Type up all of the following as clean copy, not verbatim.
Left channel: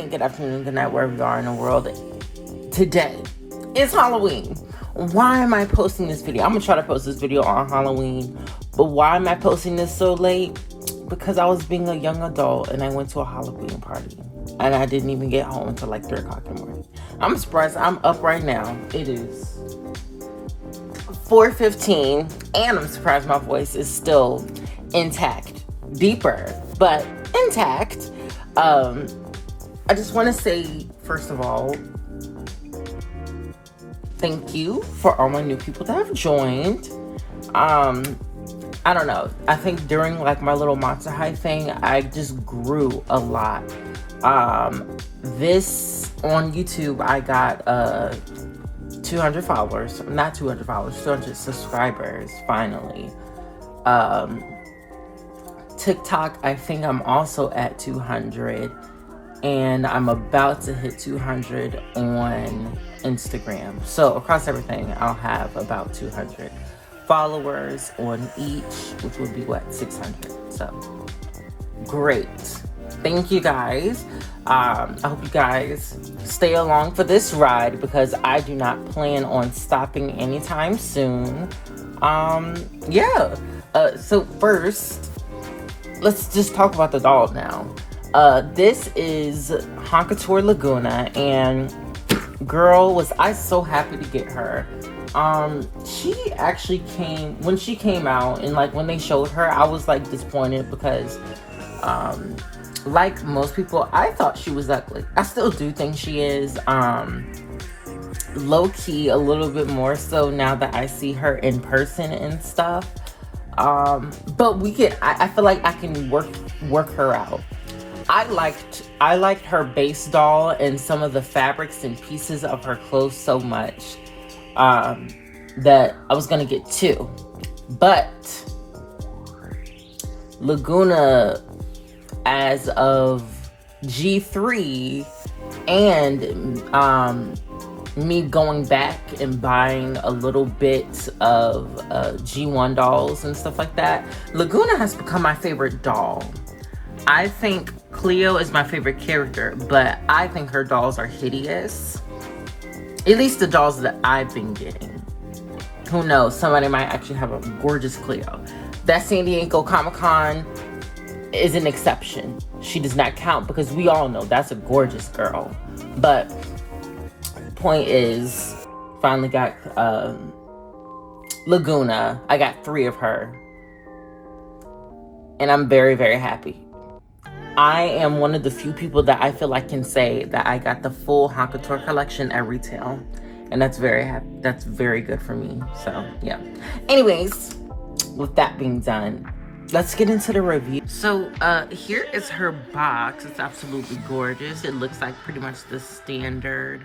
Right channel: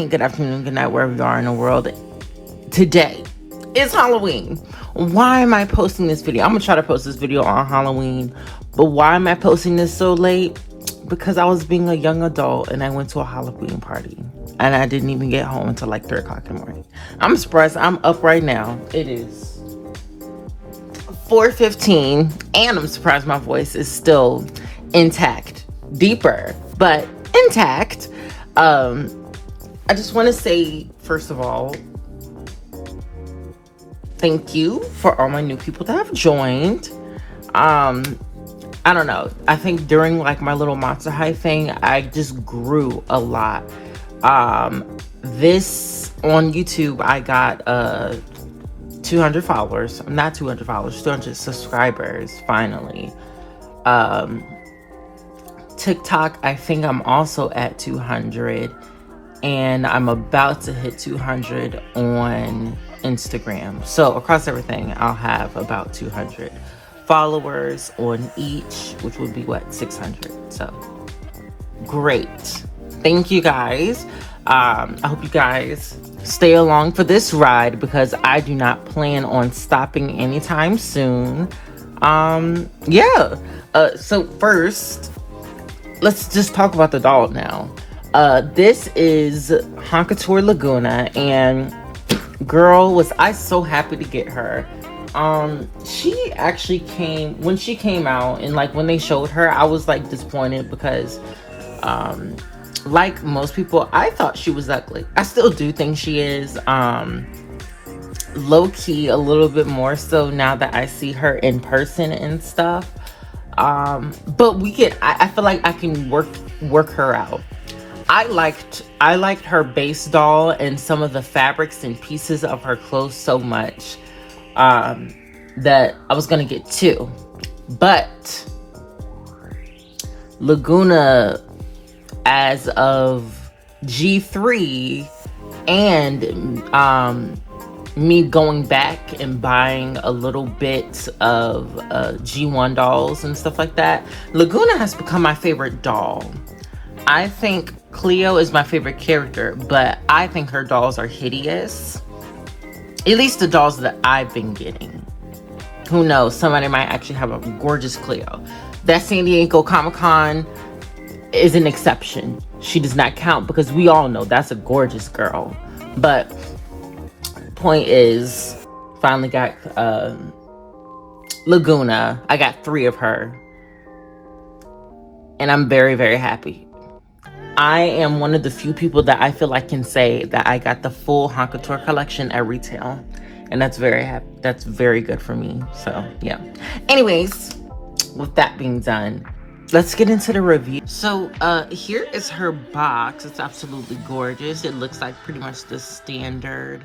morning, good afternoon, good night, wherever you are in the world. Today is Halloween. Why am I posting this video? I'm gonna try to post this video on Halloween, but why am I posting this so late? Because I was being a young adult and I went to a Halloween party and I didn't even get home until like 3 o'clock in the morning. I'm surprised I'm up right now. It is 4:15 and I'm surprised my voice is still intact. Deeper, but intact. I just want to say, first of all, thank you for all my new people that have joined. I don't know. I think during like my little Monster High thing, I just grew a lot. This on YouTube, I got 200 followers. Not 200 followers, 200 subscribers finally. TikTok, I think I'm also at 200. And I'm about to hit 200 on Instagram. So across everything, I'll have about 200 followers on each, which would be what, 600. So great. Thank you guys. I hope you guys stay along for this ride because I do not plan on stopping anytime soon. So first, let's just talk about the doll now. This is Haunt Couture Lagoona, and girl, was I so happy to get her. She actually when she came out, and like when they showed her, I was like disappointed because, like most people, I thought she was ugly. I still do think she is, low-key a little bit more so now that I see her in person and stuff. But I feel like I can work her out. I liked her base doll and some of the fabrics and pieces of her clothes so much that I was gonna get two. But Lagoona, as of G3 and me going back and buying a little bit of G1 dolls and stuff like that, Lagoona has become my favorite doll. I think Cleo is my favorite character, but I think her dolls are hideous. At least the dolls that I've been getting. Who knows? Somebody might actually have a gorgeous Cleo. That San Diego Comic-Con is an exception. She does not count because we all know that's a gorgeous girl. But point is, finally got Lagoona. I got 3 of her. And I'm very, very happy. I am one of the few people that I feel like can say that I got the full Haunt Couture collection at retail. And that's very good for me. So yeah. Anyways, with that being done, let's get into the review. So here is her box. It's absolutely gorgeous. It looks like pretty much the standard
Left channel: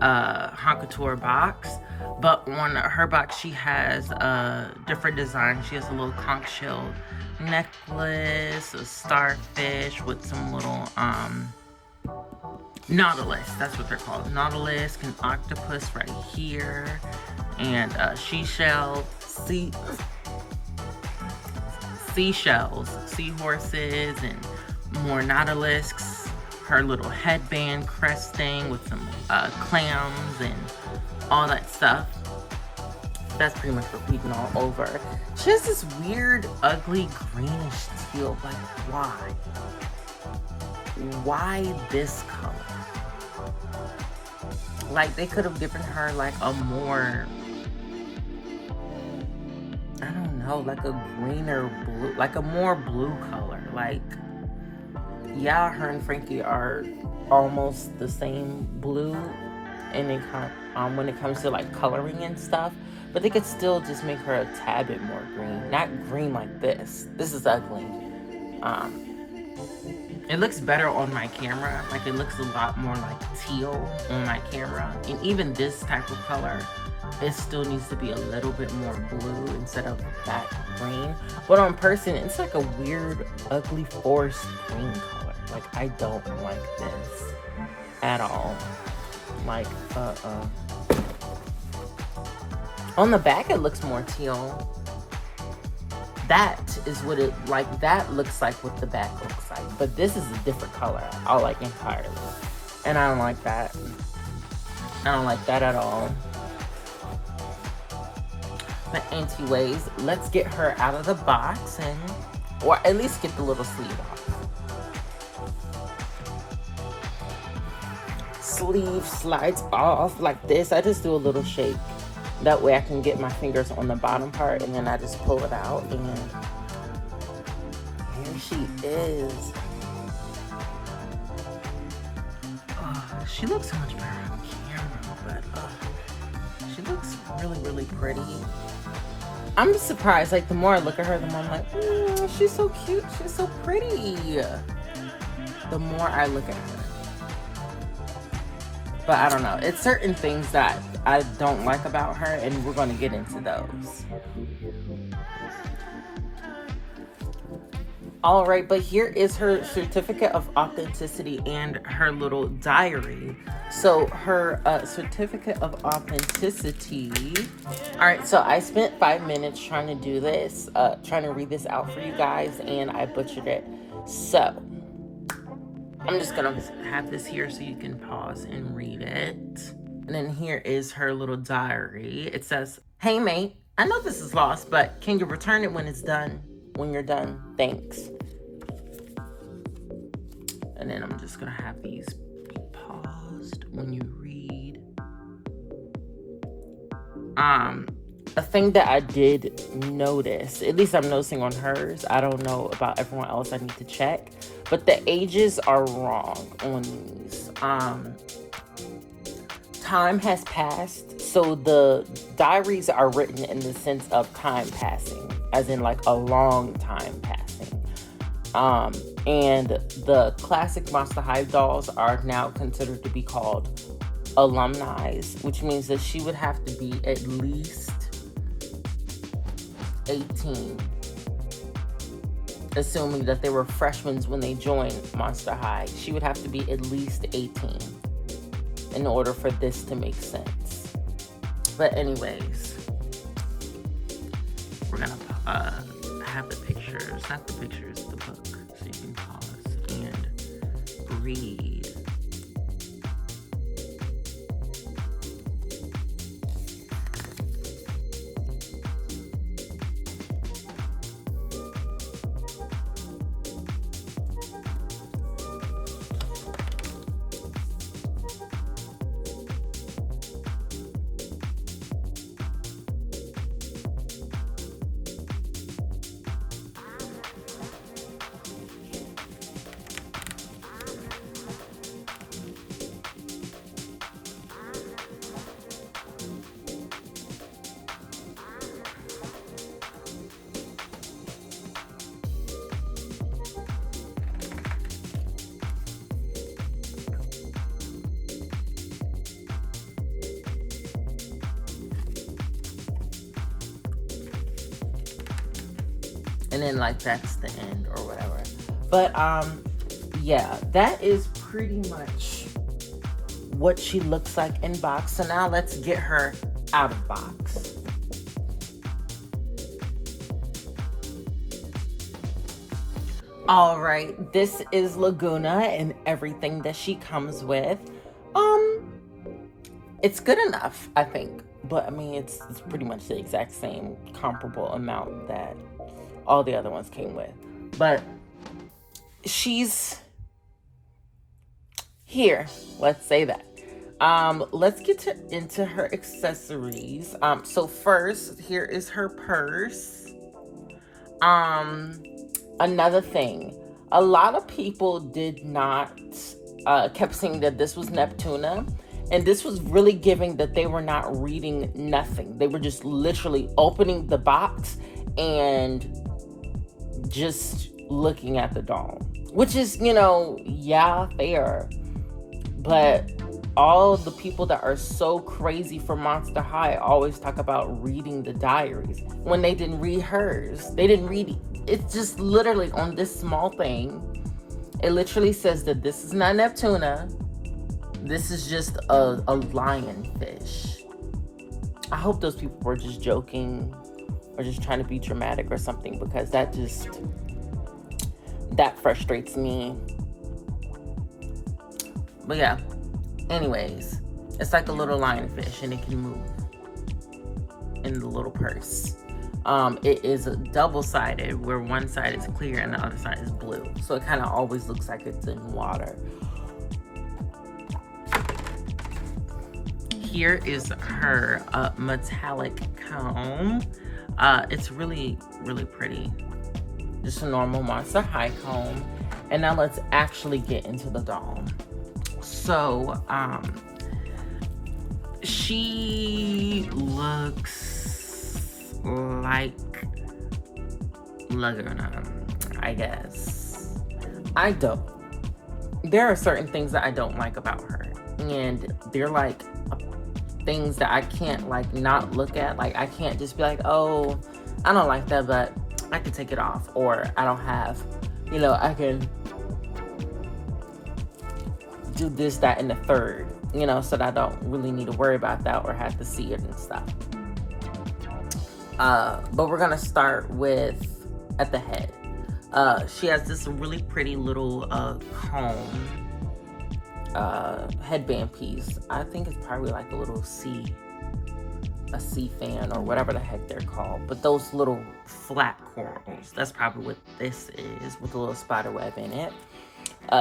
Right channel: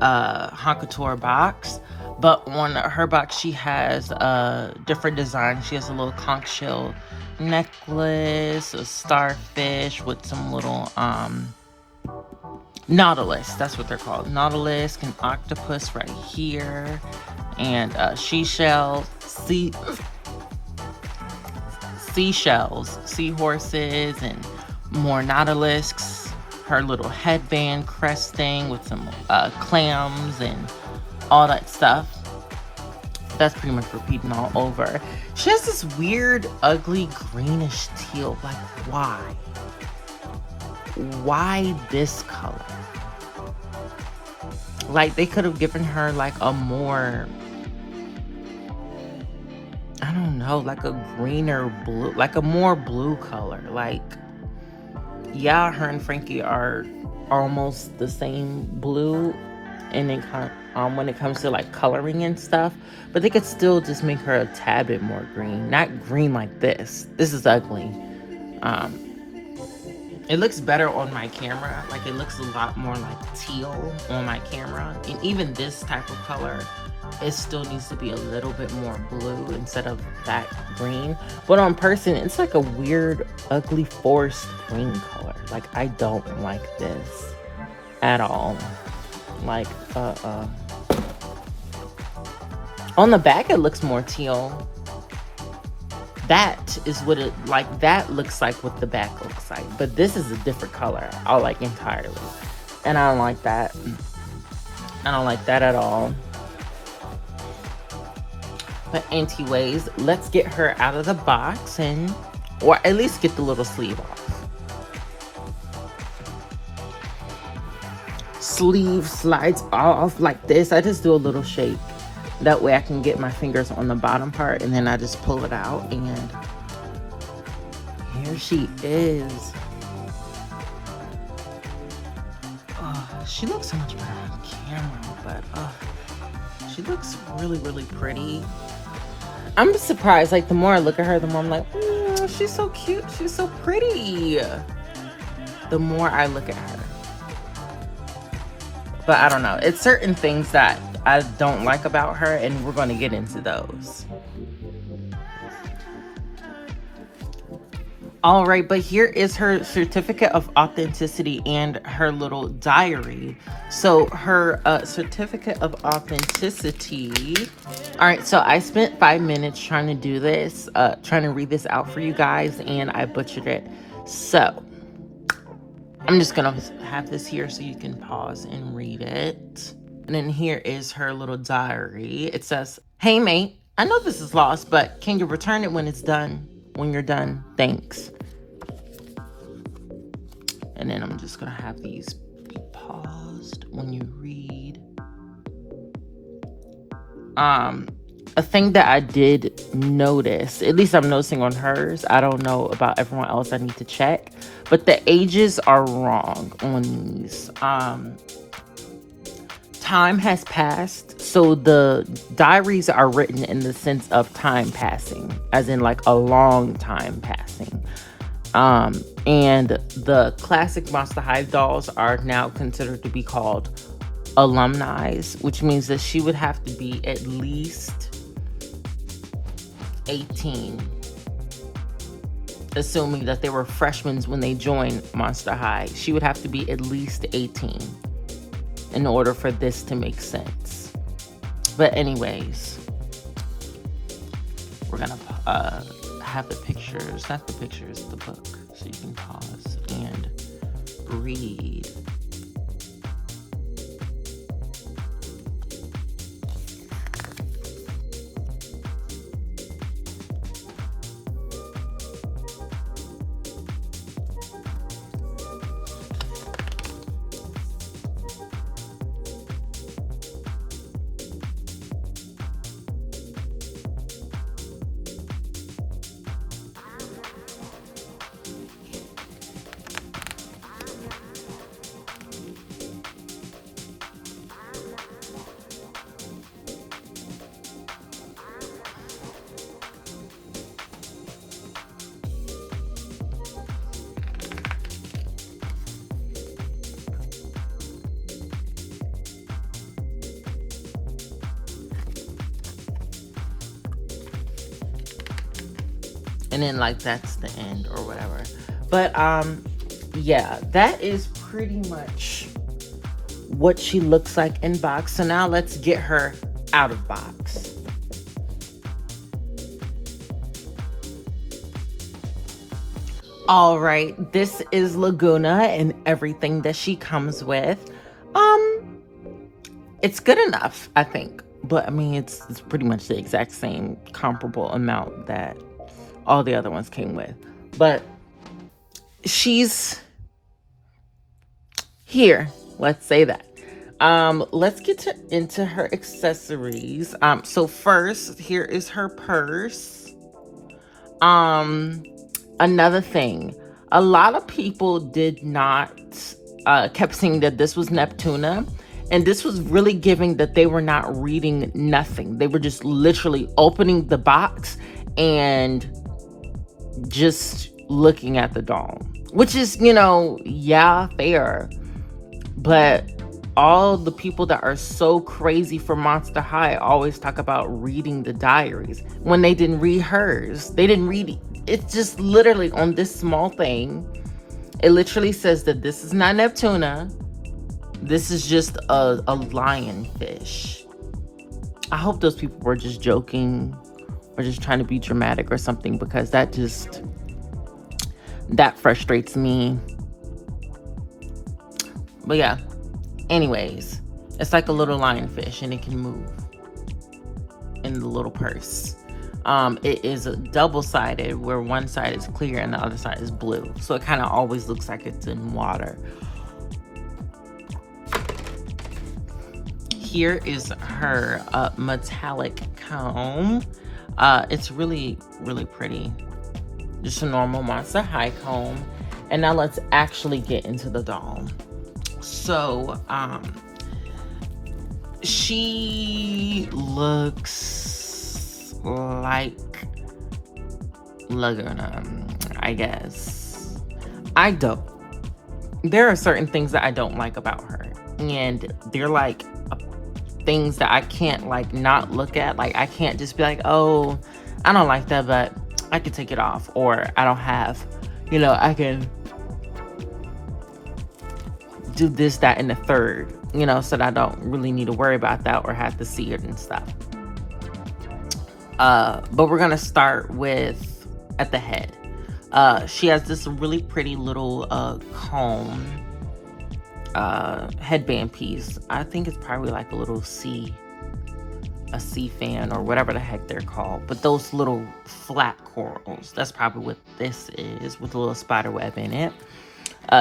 Haunt Couture box. But on her box, she has different designs. She has a little conch shell necklace, a starfish with some little nautilus, that's what they're called, nautilus, an octopus right here, and seashells, seahorses, and more nautilus. Her little headband crest thing with some clams and all that stuff. That's pretty much repeating all over. She has this weird, ugly, greenish teal. Like, why? Why this color? Like, they could have given her, like, a more, I don't know, like a greener blue, like a more blue color. Like, yeah, her and Frankie are almost the same blue, and they when it comes to like coloring and stuff, but they could still just make her a tad bit more green. Not green like this. This is ugly. It looks better on my camera. Like, it looks a lot more like teal on my camera. And even this type of color, it still needs to be a little bit more blue instead of that green. But on person, it's like a weird, ugly, forest green color. Like, I don't like this at all. Like, on the back, it looks more teal. That is what it, like, that looks like what the back looks like. But this is a different color, like entirely. And I don't like that. I don't like that at all. But anyways, let's get her out of the box, and or at least get the little sleeve off. Sleeve slides off like this. I just do a little shake. That way I can get my fingers on the bottom part, and then I just pull it out, and here she is. Oh, she looks so much better on camera, but she looks really, really pretty. I'm surprised, like, the more I look at her, the more I'm like, she's so cute, she's so pretty. The more I look at her. But I don't know, it's certain things that I don't like about her, and we're going to get into those. All right, but here is her certificate of authenticity and her little diary. So her certificate of authenticity. All right, so I spent 5 minutes trying to do this, trying to read this out for you guys, and I butchered it. So I'm just gonna have this here so you can pause and read it. And then here is her little diary. It says, "Hey mate, I know this is lost, but can you return it when it's done? When you're done, thanks." And then I'm just gonna have these be paused when you read. A thing that I did notice, at least I'm noticing on hers, I don't know about everyone else, I need to check, but the ages are wrong on these. Time has passed, so the diaries are written in the sense of time passing, as in like a long time passing. And the classic Monster High dolls are now considered to be called alumni, which means that she would have to be at least 18, assuming that they were freshmen when they joined Monster High. She would have to be at least 18 in order for this to make sense. But anyways, we're gonna have the pictures, not the pictures, the book, so you can pause and read. And then like that's the end or whatever. But yeah, that is pretty much what she looks like in box. So now let's get her out of box. All right, this is Lagoona and everything that she comes with. It's good enough, I think, but I mean it's pretty much the exact same comparable amount that all the other ones came with. But she's here, let's say that. Let's get into her accessories. So first, here is her purse. Another thing, a lot of people did not kept saying that this was Neptuna, and this was really giving that they were not reading nothing. They were just literally opening the box and just looking at the doll, which is, you know, yeah, fair. But all the people that are so crazy for Monster High always talk about reading the diaries when they didn't read hers. They didn't read it. It's just literally on this small thing. It literally says that this is not Neptuna. This is just a lionfish. I hope those people were just joking or just trying to be dramatic or something, because that frustrates me. But yeah, anyways, it's like a little lionfish and it can move in the little purse. It is double-sided, where one side is clear and the other side is blue. So it kind of always looks like it's in water. Here is her metallic comb. It's really, really pretty. Just a normal Monster High comb. And now let's actually get into the doll. So, she looks like Lagoona, I guess. I don't. There are certain things that I don't like about her. And they're like things that I can't like not look at. Like, I can't just be like, oh, I don't like that, but I can take it off. Or I don't have, you know, I can do this, that, and the third, you know, so that I don't really need to worry about that or have to see it and stuff. But we're gonna start with at the head. She has this really pretty little comb headband piece. I think it's probably like a little sea fan or whatever the heck they're called. But those little flat corals, that's probably what this is, with a little spider web in it.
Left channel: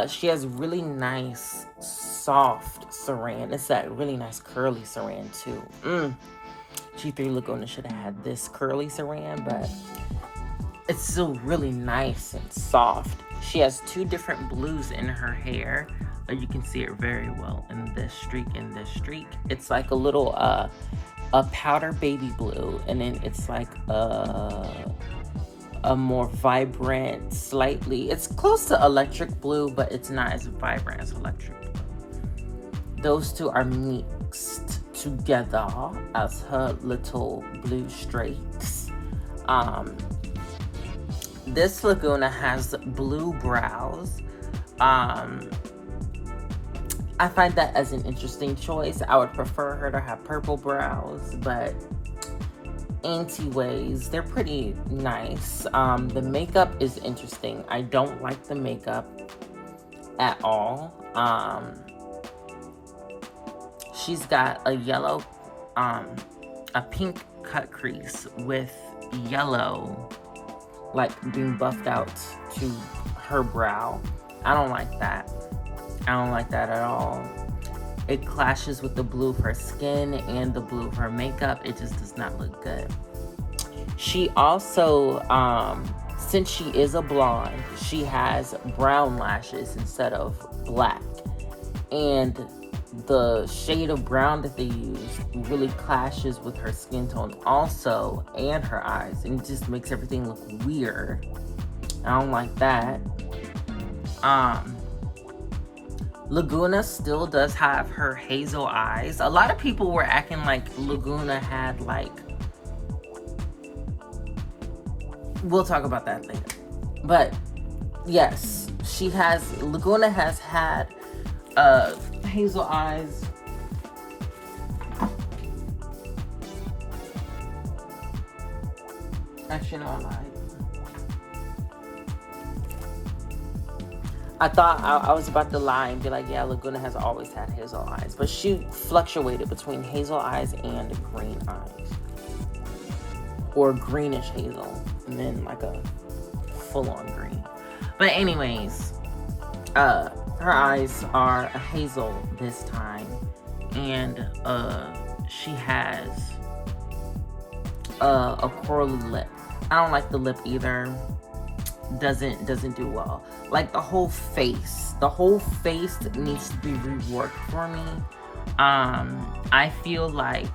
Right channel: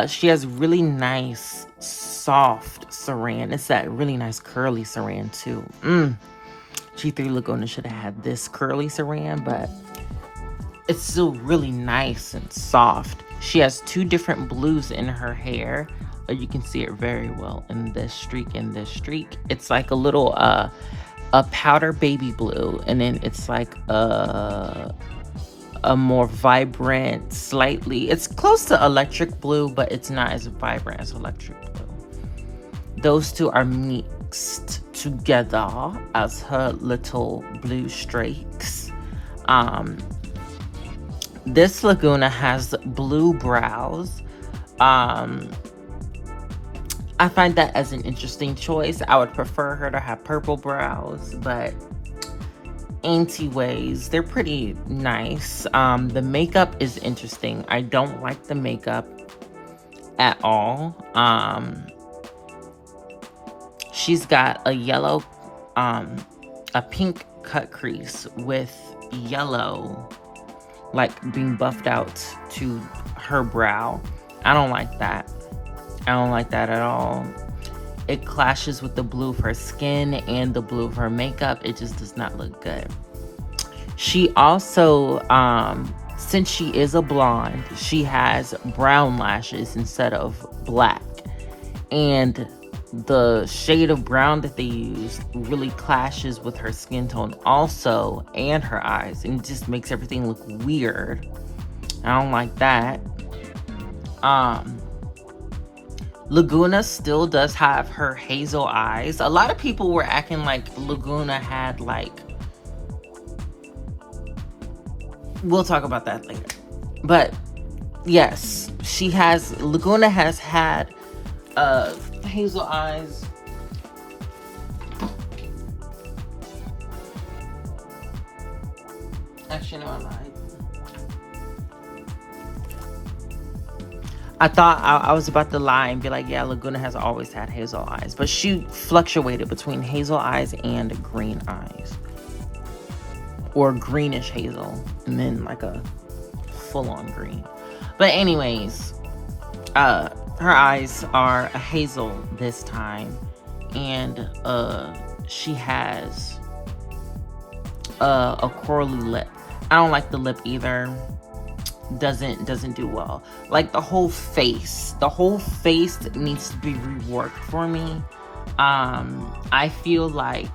She has really nice, soft saran. It's that really nice curly saran too. G3 Lagoona should have had this curly saran, but it's still really nice and soft. She has two different blues in her hair. You can see it very well in this streak and this streak. It's like a little a powder baby blue, and then it's like a more vibrant, slightly, it's close to electric blue, but it's not as vibrant as electric blue. Those two are mixed together as her little blue streaks. This Lagoona has blue brows. I find that as an interesting choice. I would prefer her to have purple brows, but anyways, they're pretty nice. The makeup is interesting. I don't like the makeup at all. She's got a yellow, a pink cut crease with yellow, like being buffed out to her brow. I don't like that. I don't like that at all. It clashes with the blue of her skin and the blue of her makeup. It just does not look good. She also, since she is a blonde, she has brown lashes instead of black. And the shade of brown that they use really clashes with her skin tone also, and her eyes. And it just makes everything look weird. I don't like that. Lagoona still does have her hazel eyes. A lot of people were acting like Lagoona had like, we'll talk about that later. But yes, Lagoona has had hazel eyes. Actually, no, I lied. I thought I was about to lie and be like, yeah, Lagoona has always had hazel eyes. But she fluctuated between hazel eyes and green eyes. Or greenish hazel. And then like a full-on green. But anyways, her eyes are a hazel this time. And she has a corally lip. I don't like the lip either. Doesn't do well. Like the whole face needs to be reworked for me. I feel like,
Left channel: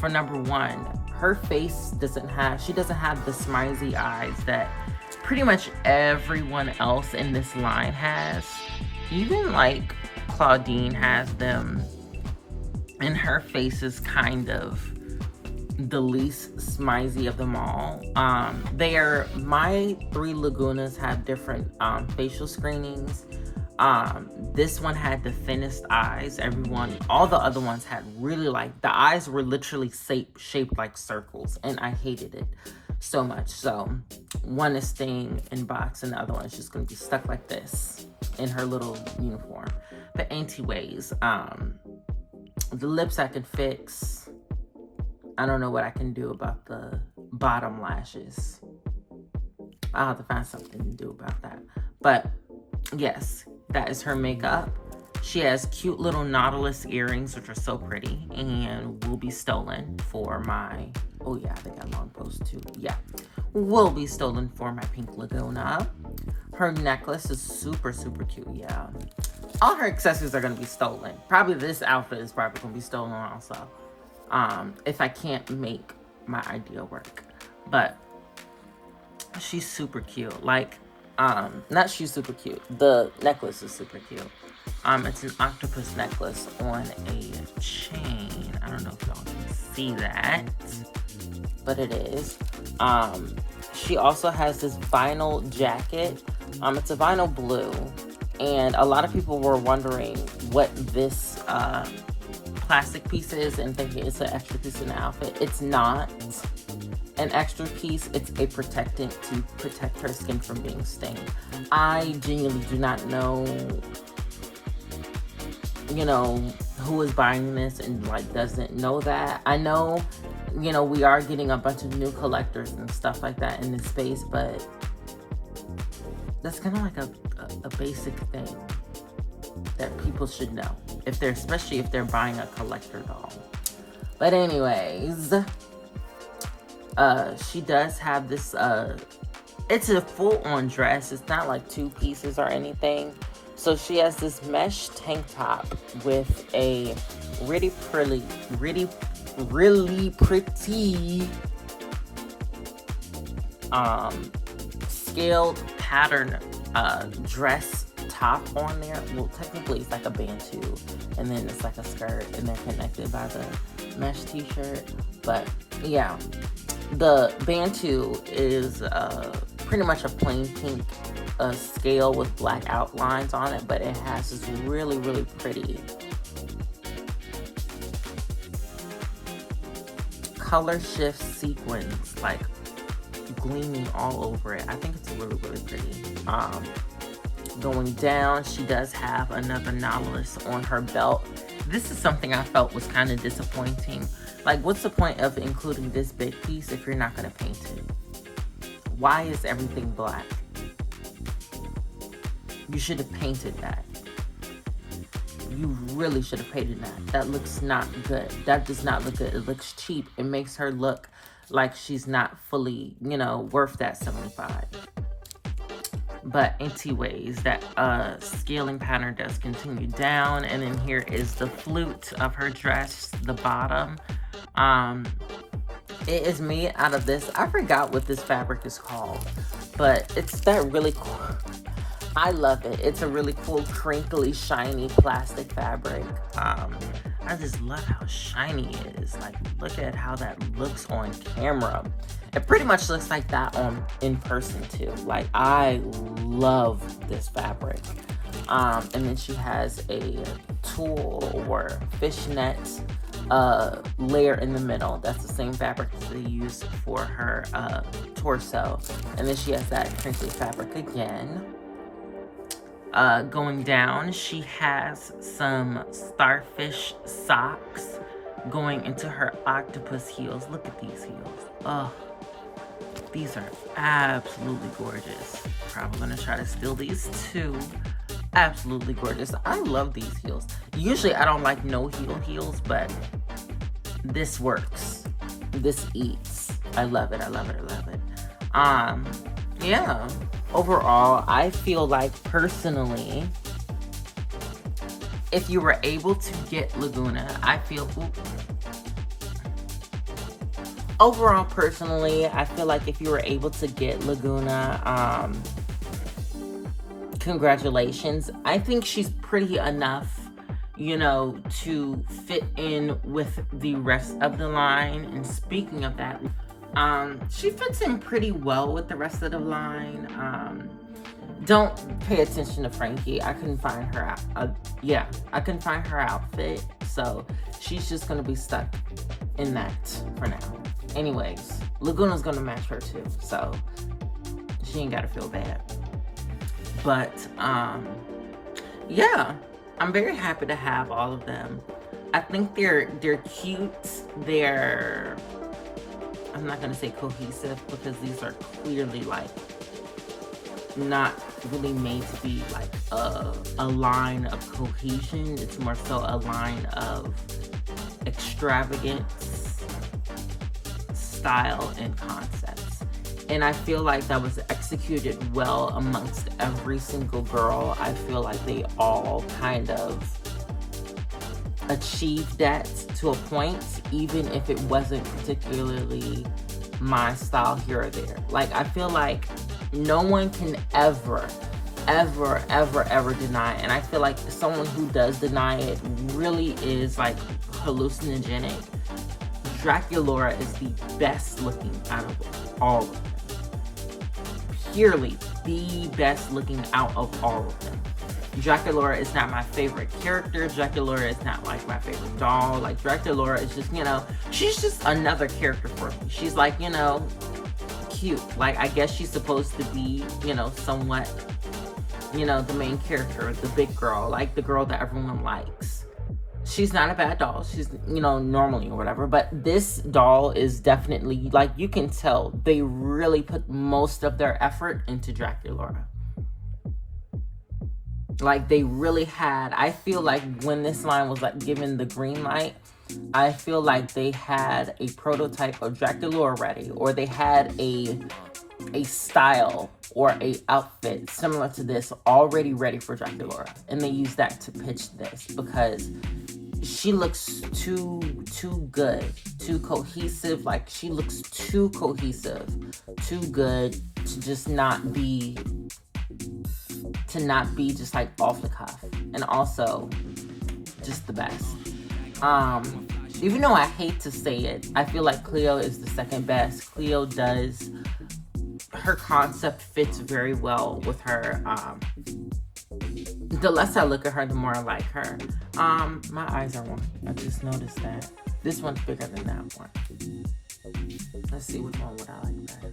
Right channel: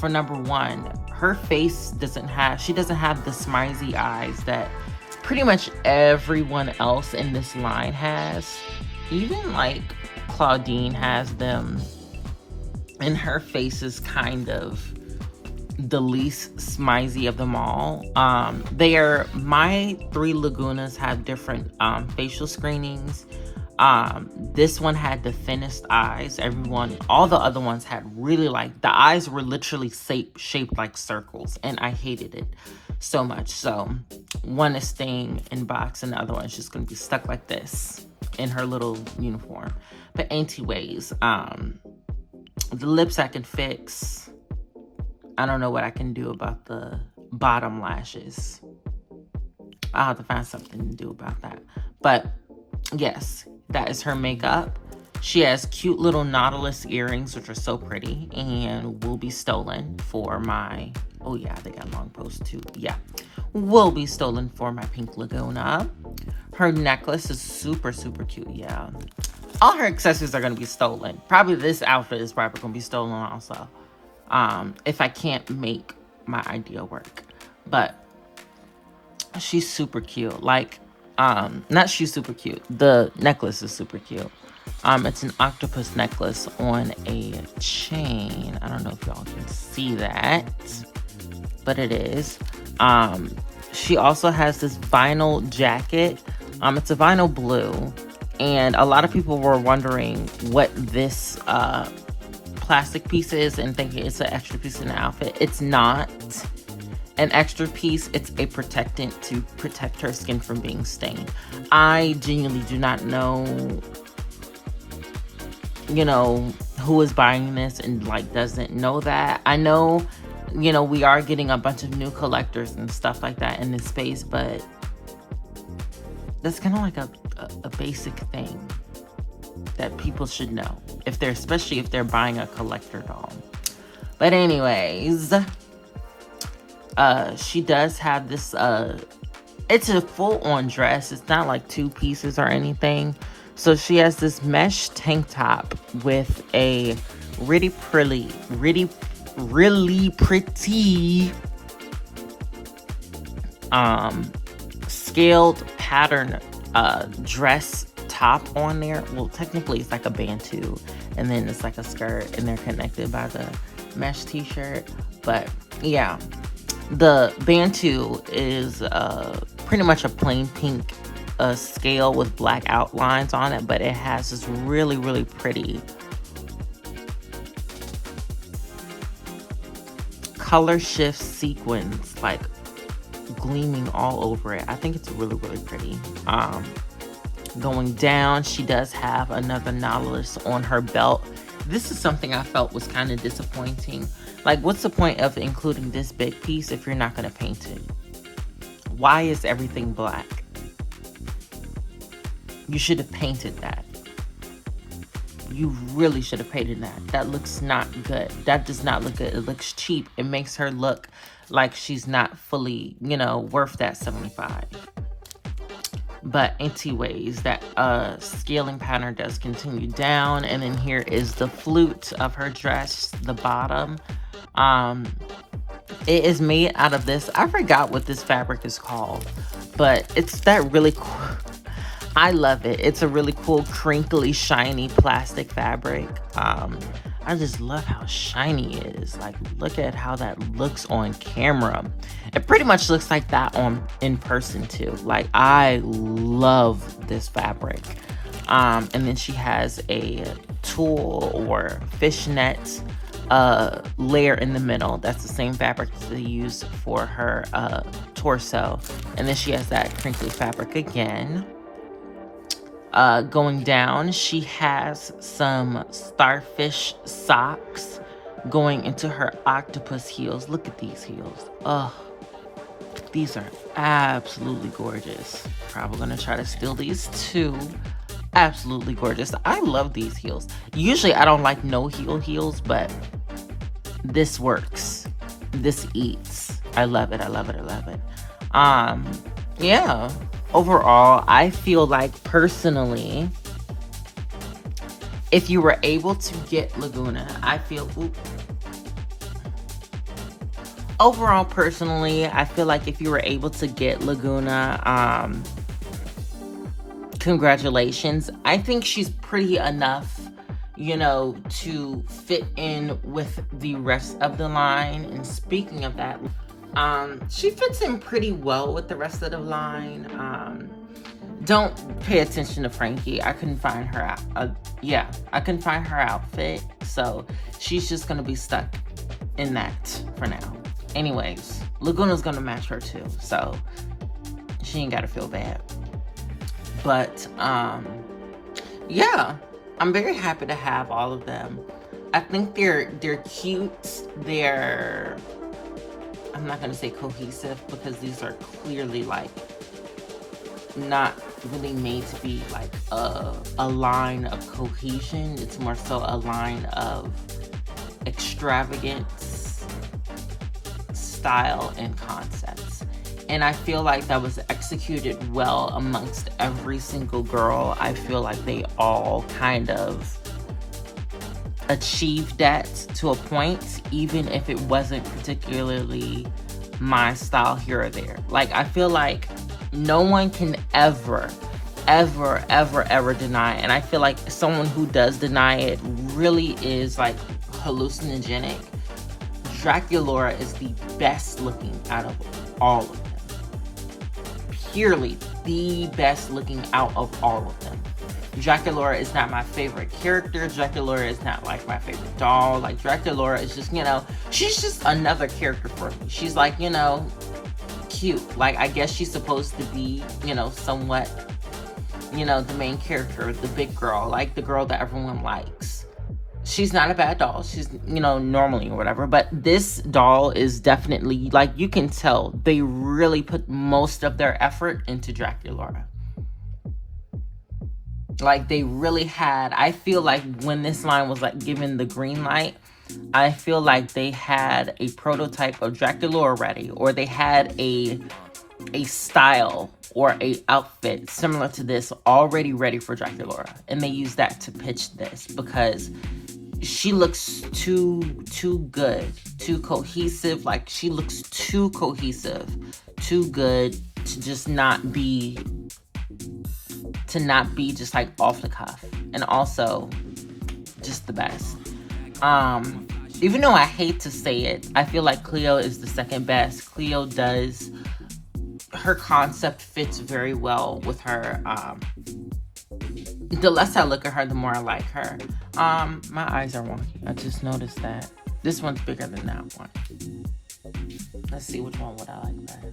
for number one, her face she doesn't have the smizey eyes that pretty much everyone else in this line has. Even like Claudine has them, and her face is kind of the least smizey of them all. My three Lagoonas have different facial screenings. This one had the thinnest eyes. All the other ones had really, like, the eyes were literally shaped like circles, and I hated it. so much. So one is staying in box and the other one is just gonna be stuck like this in her little uniform. But anyways, the lips I can fix. I don't know what I can do about the bottom lashes. I'll have to find something to do about that. But yes, that is her makeup. She has cute little Nautilus earrings, which are so pretty, and will be stolen for my, oh yeah, they got long post too. Yeah, will be stolen for my Pink Lagoona. Her necklace is super, super cute, yeah. All her accessories are gonna be stolen. Probably this outfit is probably gonna be stolen also. If I can't make my idea work. But she's super cute. Like, not she's super cute. The necklace is super cute. It's an octopus necklace on a chain. I don't know if y'all can see that, but it is. She also has this vinyl jacket. It's a vinyl blue, and a lot of people were wondering what this plastic piece is and thinking it's an extra piece in the outfit. It's not an extra piece. It's a protectant to protect her skin from being stained. I genuinely do not know, you know, who is buying this and like doesn't know that. I know, you know, we are getting a bunch of new collectors and stuff like that in this space, but that's kind of like a basic thing that people should know, if they're, especially if they're buying a collector doll. But anyways, she does have this, it's a full-on dress. It's not like two pieces or anything. So she has this mesh tank top with a really pretty scaled pattern dress top on there. Well, technically it's like a bantu, and then it's like a skirt, and they're connected by the mesh t-shirt. But yeah, the bantu is pretty much a plain pink scale with black outlines on it, but it has this really pretty color shift sequins like gleaming all over it. I think it's really pretty. Going down, she does have another Nautilus on her belt. This is something I felt was kind of disappointing. Like, what's the point of including this big piece if you're not going to paint it? Why is everything black? You should have painted that. You really should have painted that. That looks not good. That does not look good. It looks cheap. It makes her look like she's not fully, you know, worth that $75. But anyways, that scaling pattern does continue down, and then here is the flute of her dress, the bottom. It is made out of this, I forgot what this fabric is called, but it's that really cool. I love it. It's a really cool, crinkly, shiny plastic fabric. I just love how shiny it is. Like, look at how that looks on camera. It pretty much looks like that in person too. Like, I love this fabric. And then she has a tulle or fishnet layer in the middle. That's the same fabric that they used for her torso. And then she has that crinkly fabric again. Going down, she has some starfish socks going into her octopus heels. Look at these heels. Oh, these are absolutely gorgeous. Probably gonna try to steal these too. Absolutely gorgeous. I love these heels. Usually I don't like no heel heels, but this works. This eats. I love it. I love it. I love it. Yeah. Overall, I feel like personally, if you were able to get Lagoona, I feel, overall, personally, I feel like if you were able to get Lagoona, congratulations. I think she's pretty enough, you know, to fit in with the rest of the line. And speaking of that, she fits in pretty well with the rest of the line. Don't pay attention to Frankie. I couldn't find her, I couldn't find her outfit. So she's just gonna be stuck in that for now. Anyways, Lagoona's gonna match her too, so she ain't gotta feel bad. But yeah, I'm very happy to have all of them. I think they're cute. They're, I'm not gonna say cohesive because these are clearly like not really made to be like a line of cohesion. It's more so a line of extravagance, style, and concepts. And I feel like that was executed well amongst every single girl. I feel like they all kind of achieved that to a point, even if it wasn't particularly my style here or there. Like, I feel like no one can ever deny it. And I feel like someone who does deny it really is like hallucinogenic. Draculaura is the best looking out of all of them. Purely the best looking out of all of them. Draculaura is not my favorite character. Draculaura is not like my favorite doll. Like, Draculaura is just, you know, she's just another character for me. She's like, you know, cute. Like, I guess she's supposed to be, you know, somewhat, you know, the main character, the big girl, like the girl that everyone likes. She's not a bad doll. She's, you know, normally or whatever. But this doll is definitely, like, you can tell they really put most of their effort into Draculaura. Like, they really had, I feel like when this line was like given the green light, I feel like they had a prototype of Draculaura ready, or they had a style or a outfit similar to this already ready for Draculaura, and they used that to pitch this because she looks too good, too cohesive. Like, she looks too cohesive, too good to just not be just like off the cuff, and also just the best. Even though I hate to say it, I feel like Cleo is the second best. Cleo does, her concept fits very well with her. The less I look at her, the more I like her. My eyes are wonky. I just noticed that. This one's bigger than that one. Let's see which one would I like better.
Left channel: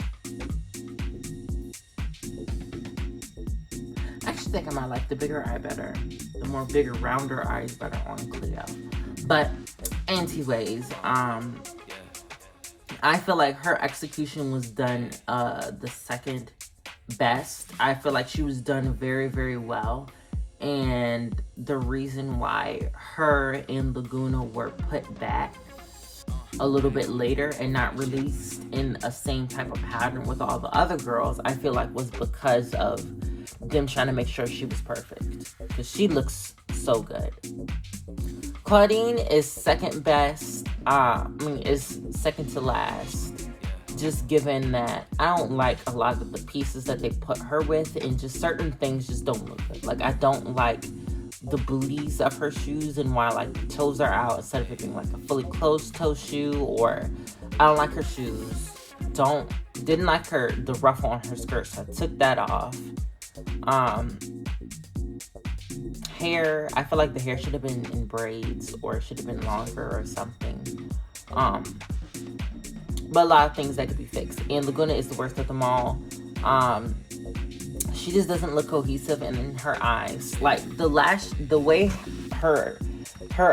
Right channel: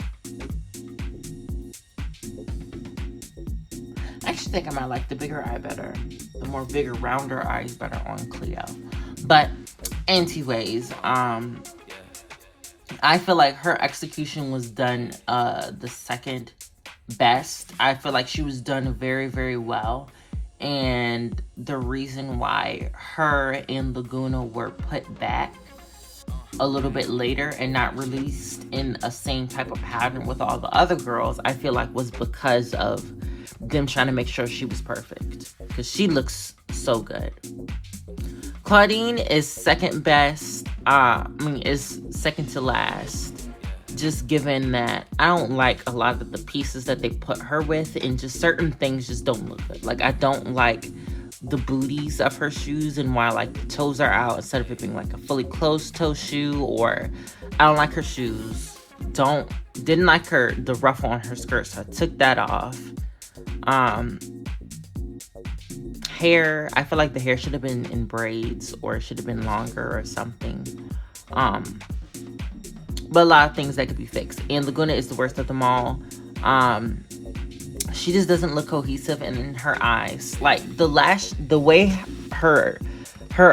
I actually think I might like the bigger eye better. The more bigger, rounder eye is better on Cleo. But anyways, I feel like her execution was done the second best. I feel like she was done very, very well. And the reason why her and Lagoona were put back a little bit later and not released in a same type of pattern with all the other girls, I feel like was because of them trying to make sure she was perfect. Because she looks so good. Claudine is second best. Is second to last. Just given that I don't like a lot of the pieces that they put her with, and just certain things just don't look good. Like, I don't like the booties of her shoes, and why like the toes are out instead of it being like a fully closed toe shoe, or I don't like her shoes. Didn't like the ruffle on her skirt, so I took that off. Hair, I feel like the hair should have been in braids, or it should have been longer or something. But a lot of things that could be fixed. And Lagoona is the worst of them all. She just doesn't look cohesive in her eyes. Like, the way her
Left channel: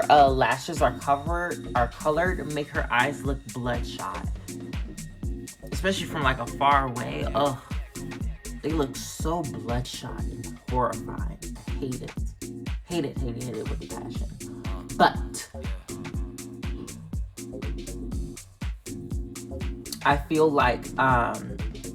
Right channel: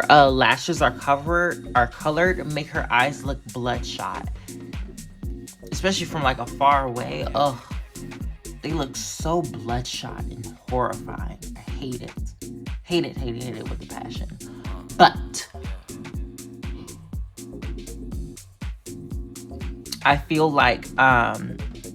lashes are colored make her eyes look bloodshot. Especially from like a far away. Ugh. They look so bloodshot and horrifying. I hate it. Hate it with a passion. But I feel like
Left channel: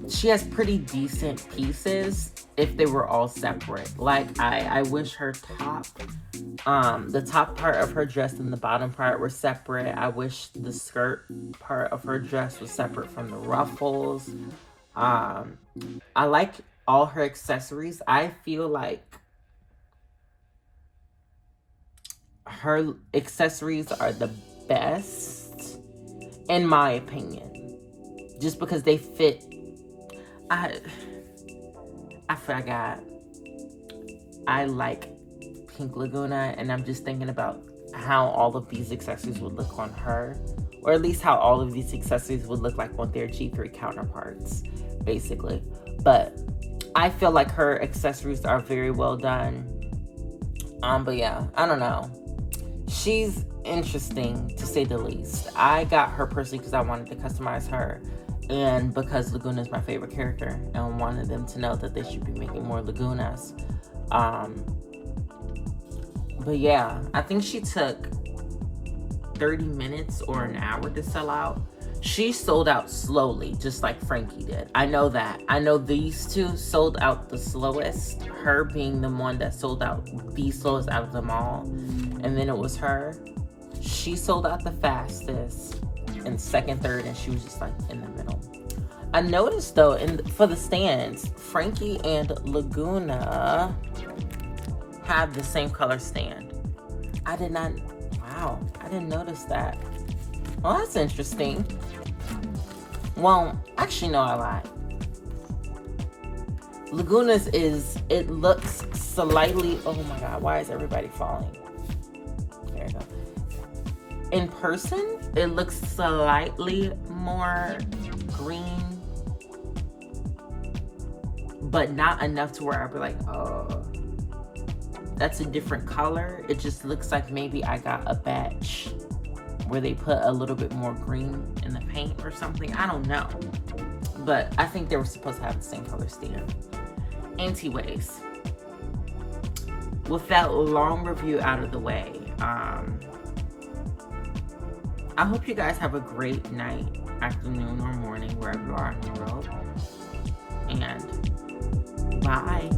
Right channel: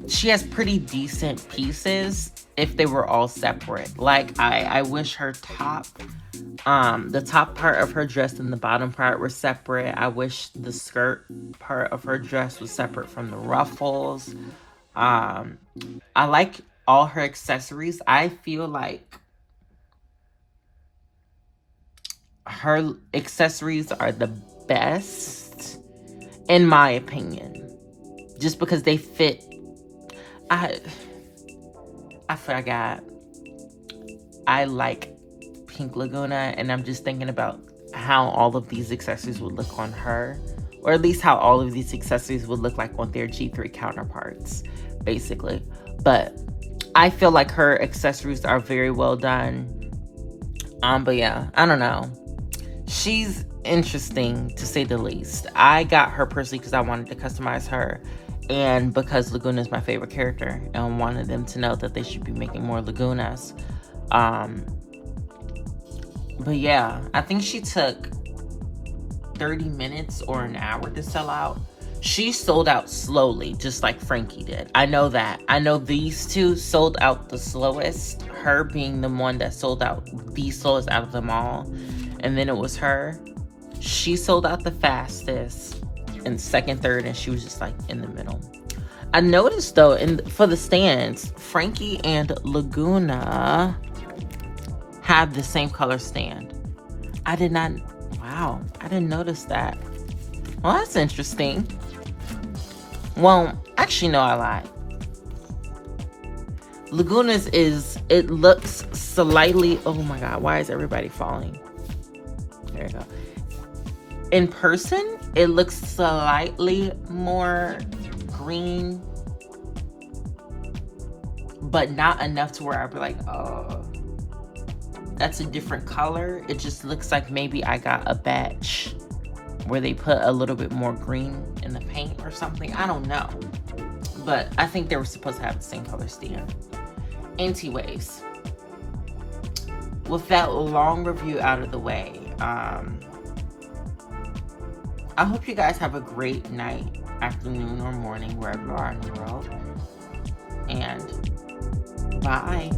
she has pretty decent pieces if they were all separate. Like, I wish her top, the top part of her dress and the bottom part were separate. I wish the skirt part of her dress was separate from the ruffles. I like all her accessories. I feel like her accessories are the best, in my opinion, just because they fit. I forgot. I like Pink Lagoona, and I'm just thinking about how all of these accessories would look on her, or at least how all of these accessories would look like on their G3 counterparts, basically. But I feel like her accessories are very well done. But yeah, I don't know. She's interesting, to say the least. I got her personally because I wanted to customize her, and because Lagoona is my favorite character, and wanted them to know that they should be making more Lagoonas. But yeah, I think she took 30 minutes or an hour to sell out. She sold out slowly, just like Frankie did. I know that. I know these two sold out the slowest, her being the one that sold out the slowest out of them all. And then it was her. She sold out the fastest, and second, third, and she was just like in the middle. I noticed though, for the stands, Frankie and Lagoona have the same color stand. I didn't notice that. Well, that's interesting. Well, actually, no, I lied. Lagoona's it looks slightly, oh my God, why is everybody falling? There you go. In person, it looks slightly more green, but not enough to where I'd be like, oh, that's a different color. It just looks like maybe I got a batch where they put a little bit more green in the paint or something. I don't know. But I think they were supposed to have the same color stand. Anyways, with that long review out of the way, I hope you guys have a great night, afternoon, or morning, wherever you are in the world. And bye.